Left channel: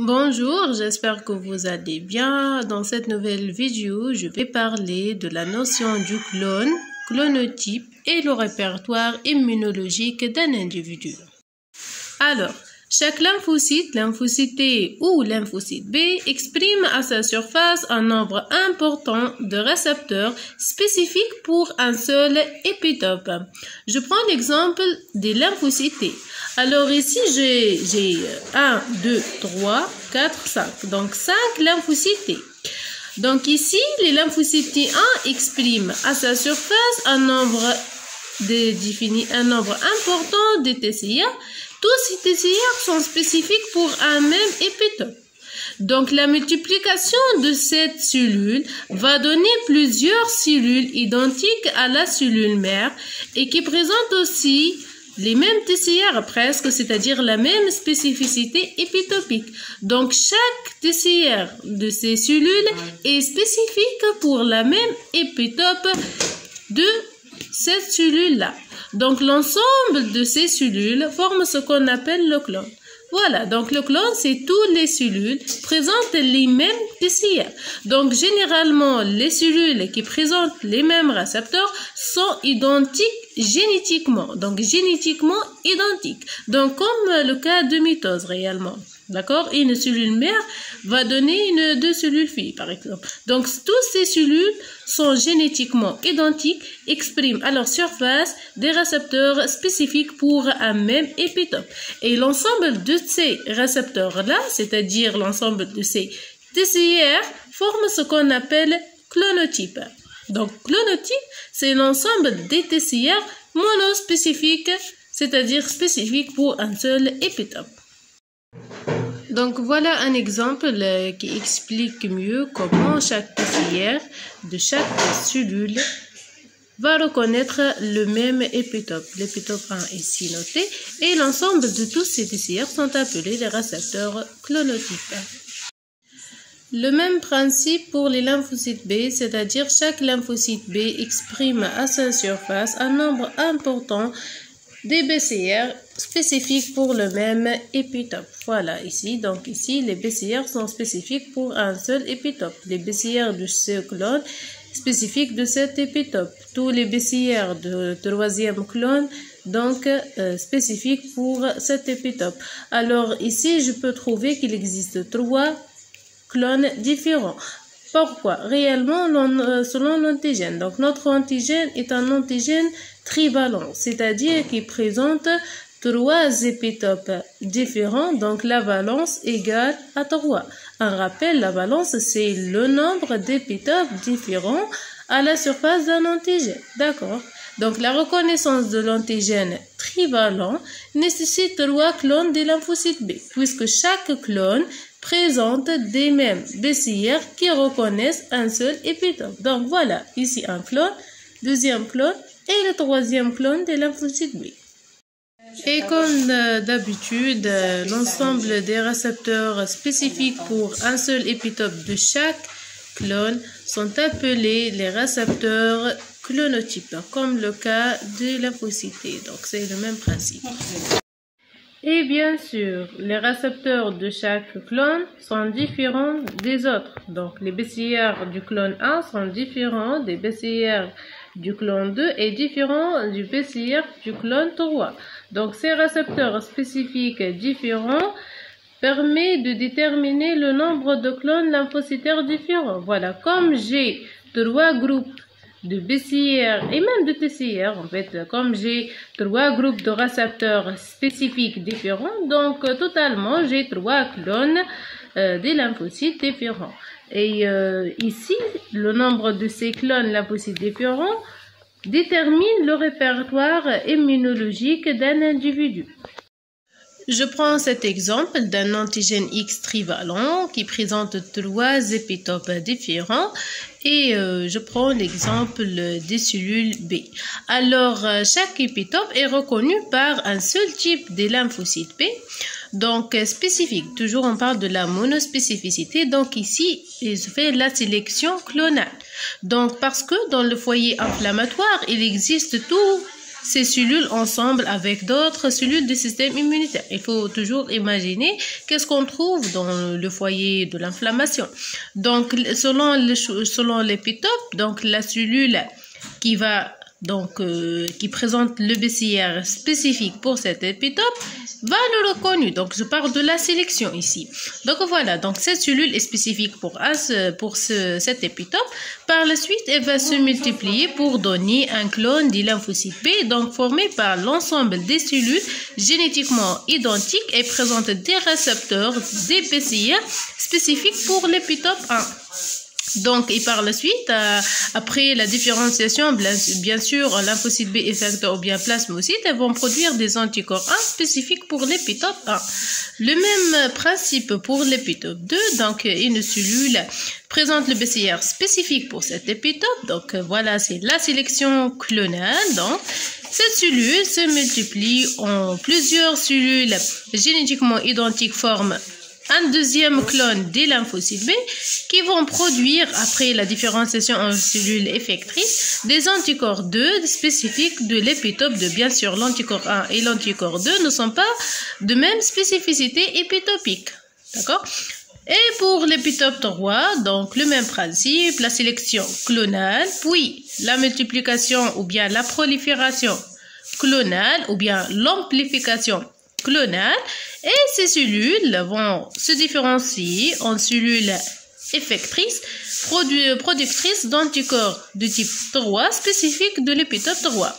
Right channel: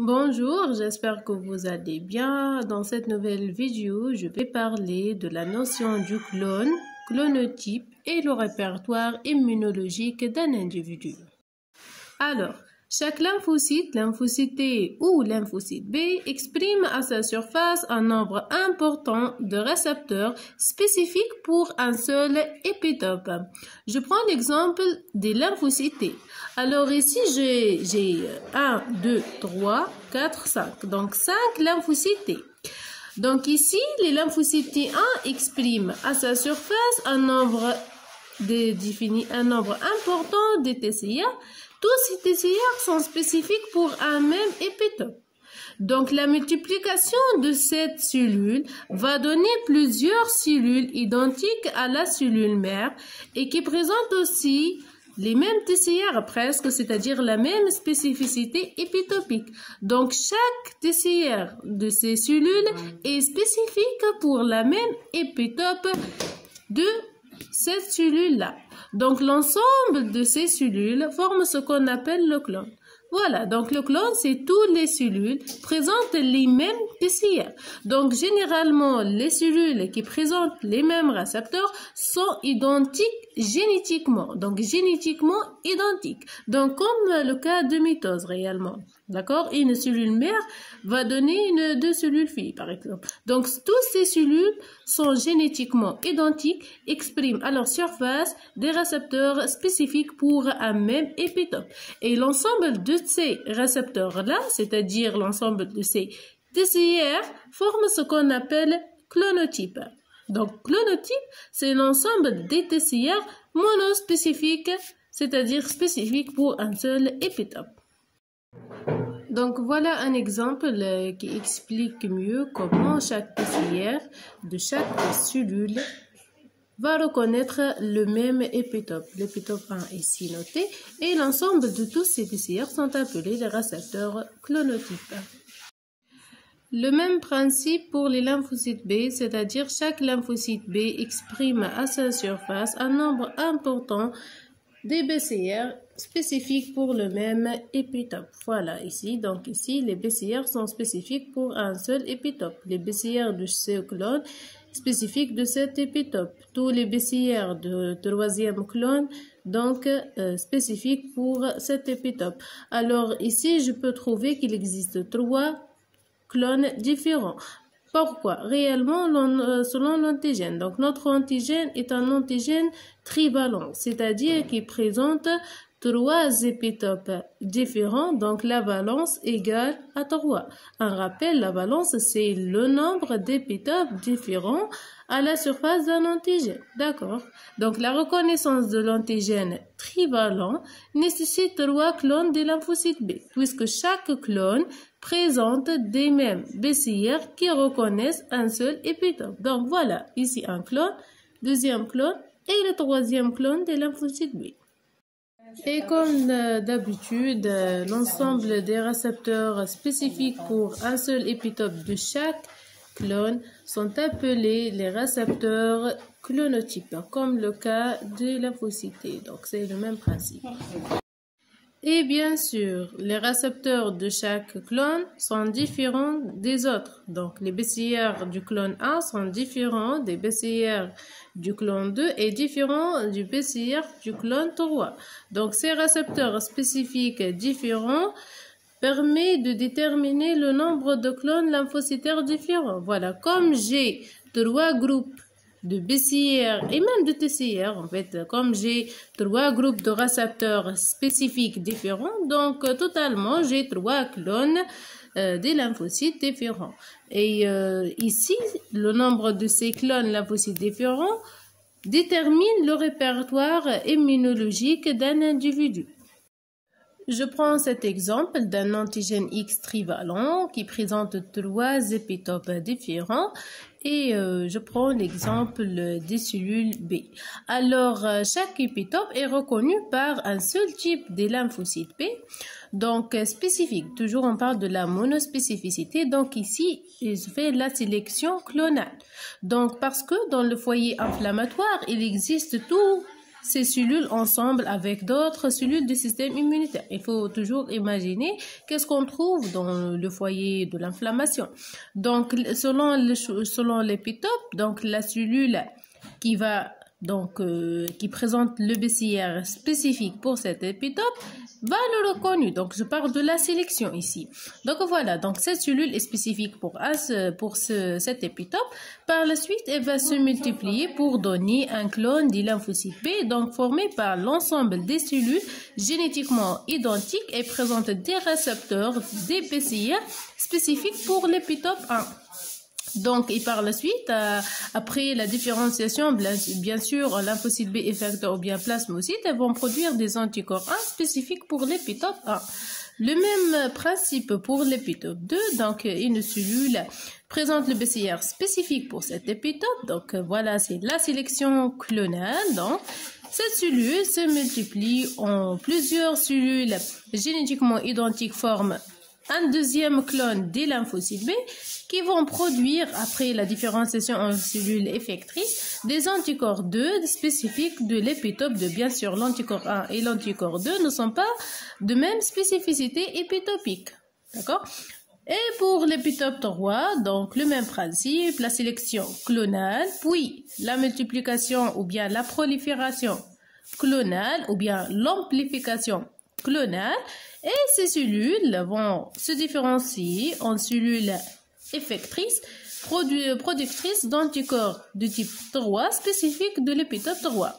Bonjour, j'espère que vous allez bien. Dans cette nouvelle vidéo, je vais parler de la notion du clone, clonotype et le répertoire immunologique d'un individu. Alors, chaque lymphocyte, lymphocyte T ou lymphocyte B exprime à sa surface un nombre important de récepteurs spécifiques pour un seul épitope. Je prends l'exemple des lymphocytes T. Alors ici, j'ai 1, 2, 3, 4, 5. Donc 5 lymphocytes T. Donc ici, les lymphocytes T1 expriment à sa surface un nombre important de TCR. Tous ces TCR sont spécifiques pour un même épitope. Donc la multiplication de cette cellule va donner plusieurs cellules identiques à la cellule mère et qui présentent aussi les mêmes TCR presque, c'est-à-dire la même spécificité épitopique. Donc chaque TCR de ces cellules est spécifique pour la même épitope de cette cellule-là. Donc l'ensemble de ces cellules forme ce qu'on appelle le clone. Voilà, donc le clone, c'est toutes les cellules présentent les mêmes TCR. Donc généralement, les cellules qui présentent les mêmes récepteurs sont identiques génétiquement. Donc génétiquement identiques. Donc comme le cas de mitose réellement. D'accord? Une cellule mère va donner deux cellules filles, par exemple. Donc toutes ces cellules sont génétiquement identiques, expriment à leur surface des récepteurs spécifiques pour un même épitope. Et l'ensemble de ces récepteurs-là, c'est-à-dire l'ensemble de ces TCR, forme ce qu'on appelle clonotype. Donc clonotype, c'est l'ensemble des TCR monospécifiques, c'est-à-dire spécifiques pour un seul épitope. Donc voilà un exemple qui explique mieux comment chaque TCR de chaque cellule va reconnaître le même épitope. L'épitope 1 ici noté et l'ensemble de tous ces TCR sont appelés les récepteurs clonotypes. Le même principe pour les lymphocytes B, c'est-à-dire chaque lymphocyte B exprime à sa surface un nombre important des BCR spécifiques pour le même épitope. Voilà ici, donc ici les BCR sont spécifiques pour un seul épitope. Les BCR de ce clone spécifiques de cet épitope. Tous les BCR de troisième clone donc spécifiques pour cet épitope. Alors ici je peux trouver qu'il existe 3 clones différents. Pourquoi? Réellement, selon l'antigène. Donc, notre antigène est un antigène trivalent, c'est-à-dire qu'il présente 3 épitopes différents. Donc, la valence égale à 3. Un rappel, la valence, c'est le nombre d'épitopes différents à la surface d'un antigène. D'accord? Donc, la reconnaissance de l'antigène trivalent nécessite 3 clones des lymphocytes B, puisque chaque clone présente des mêmes BCR qui reconnaissent un seul épitope. Donc voilà, ici un clone, deuxième clone et le troisième clone des lymphocytes B. Et comme d'habitude, l'ensemble des récepteurs spécifiques pour un seul épitope de chaque clone sont appelés les récepteurs clonotypes, comme le cas de lymphocyte T. Donc c'est le même principe. Et bien sûr, les récepteurs de chaque clone sont différents des autres. Donc, les BCR du clone 1 sont différents des BCR du clone 2 et différents du BCR du clone 3. Donc, ces récepteurs spécifiques différents permettent de déterminer le nombre de clones lymphocytaires différents. Voilà, comme j'ai 3 groupes de BCR et même de TCR, en fait, comme j'ai 3 groupes de récepteurs spécifiques différents, donc totalement j'ai 3 clones des lymphocytes différents. Et ici, le nombre de ces clones lymphocytes différents détermine le répertoire immunologique d'un individu. Je prends cet exemple d'un antigène X trivalent qui présente 3 épitopes différents et je prends l'exemple des cellules B. Alors, chaque épitope est reconnu par un seul type de lymphocyte B, donc spécifique. Toujours on parle de la monospécificité, donc ici il se fait la sélection clonale. Donc parce que dans le foyer inflammatoire, il existe tout ces cellules ensemble avec d'autres cellules du système immunitaire. Il faut toujours imaginer qu'est-ce qu'on trouve dans le foyer de l'inflammation. Donc, selon l'épitope, donc la cellule qui va qui présente le BCR spécifique pour cet épitope va le reconnu. Donc, je parle de la sélection ici. Donc, voilà. Donc, cette cellule est spécifique pour cet épitope. Par la suite, elle va se multiplier pour donner un clone du lymphocyte B, donc formé par l'ensemble des cellules génétiquement identiques et présente des récepteurs des BCR spécifiques pour l'épitope 1. Donc, et par la suite, après la différenciation, bien sûr, lymphocyte B effecteur ou bien plasmocytes, elles vont produire des anticorps 1 spécifiques pour l'épitope 1. Le même principe pour l'épitope 2, donc une cellule présente le BCR spécifique pour cet épitope. Donc, voilà, c'est la sélection clonale. Donc, cette cellule se multiplie en plusieurs cellules génétiquement identiques, forment un deuxième clone des lymphocytes B qui vont produire, après la différenciation en cellules effectrices, des anticorps 2 spécifiques de l'épitope 2. Bien sûr, l'anticorps 1 et l'anticorps 2 ne sont pas de même spécificité épitopique. D'accord? Et pour l'épitope 3, donc le même principe, la sélection clonale, puis la multiplication ou bien la prolifération clonale ou bien l'amplification clonale. Et ces cellules vont se différencier en cellules effectrices, productrices d'anticorps de type 3 spécifiques de l'épitope 3.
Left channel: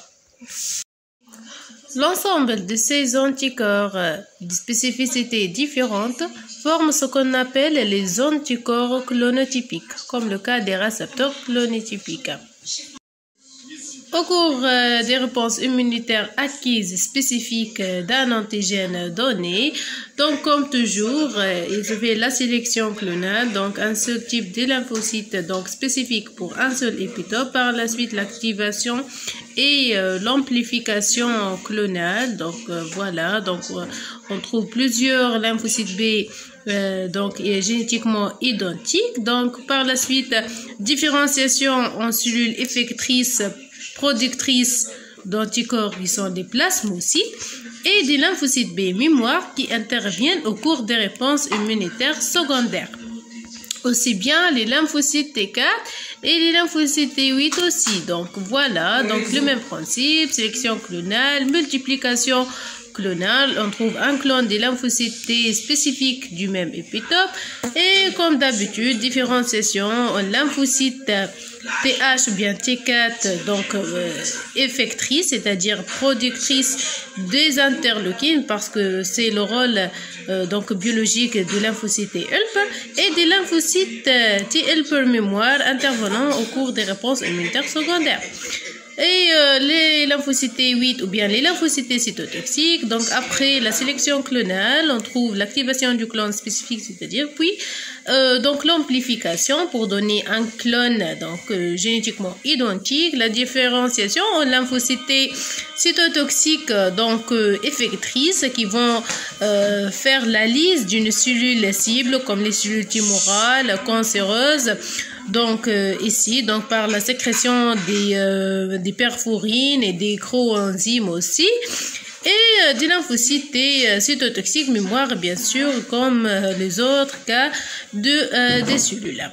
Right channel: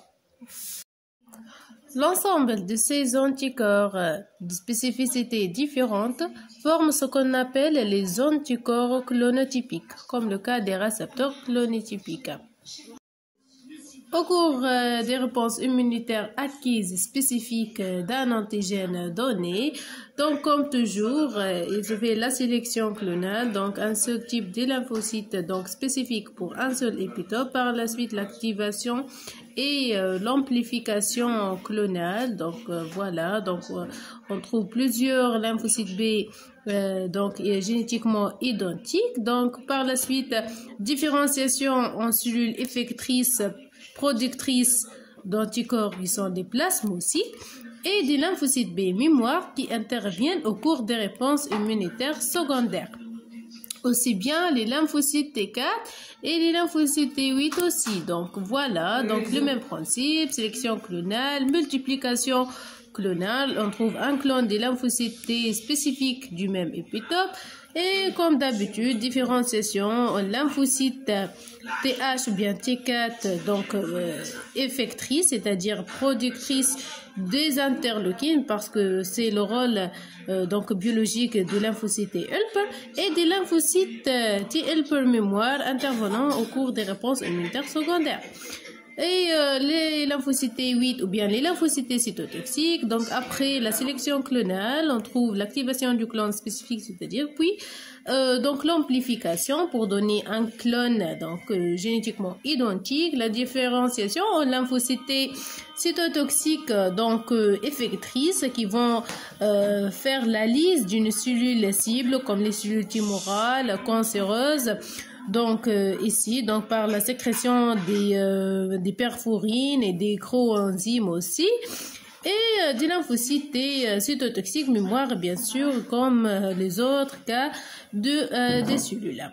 L'ensemble de ces anticorps de spécificité différentes forment ce qu'on appelle les anticorps clonotypiques, comme le cas des récepteurs clonotypiques. Au cours des réponses immunitaires acquises spécifiques d'un antigène donné, donc comme toujours, il se fait la sélection clonale, donc un seul type de lymphocyte donc spécifique pour un seul épitope, par la suite l'activation et l'amplification clonale. Donc voilà, donc on trouve plusieurs lymphocytes B donc génétiquement identiques. Donc par la suite, différenciation en cellules effectrices productrices d'anticorps qui sont des plasmocytes et des lymphocytes B mémoire qui interviennent au cours des réponses immunitaires secondaires. Aussi bien les lymphocytes T4 et les lymphocytes T8 aussi. Donc voilà, donc le même principe, sélection clonale, multiplication clonale, on trouve un clone des lymphocytes T spécifiques du même épitope et comme d'habitude, différenciation en lymphocytes TH ou bien T4, donc effectrice, c'est-à-dire productrice des interleukines parce que c'est le rôle donc biologique de lymphocyte T-helper et des lymphocytes T-helper mémoire intervenant au cours des réponses immunitaires secondaires. Et les lymphocytes T8 ou bien les lymphocytes cytotoxiques, donc après la sélection clonale, on trouve l'activation du clone spécifique, c'est-à-dire puis donc l'amplification pour donner un clone donc génétiquement identique, la différenciation en lymphocytes cytotoxiques donc effectrices qui vont faire la liste d'une cellule cible comme les cellules tumorales, cancéreuses. Donc ici, donc par la sécrétion des perforines et des coenzymes aussi, et des lymphocytes cytotoxiques mémoire bien sûr comme les autres cas des cellules.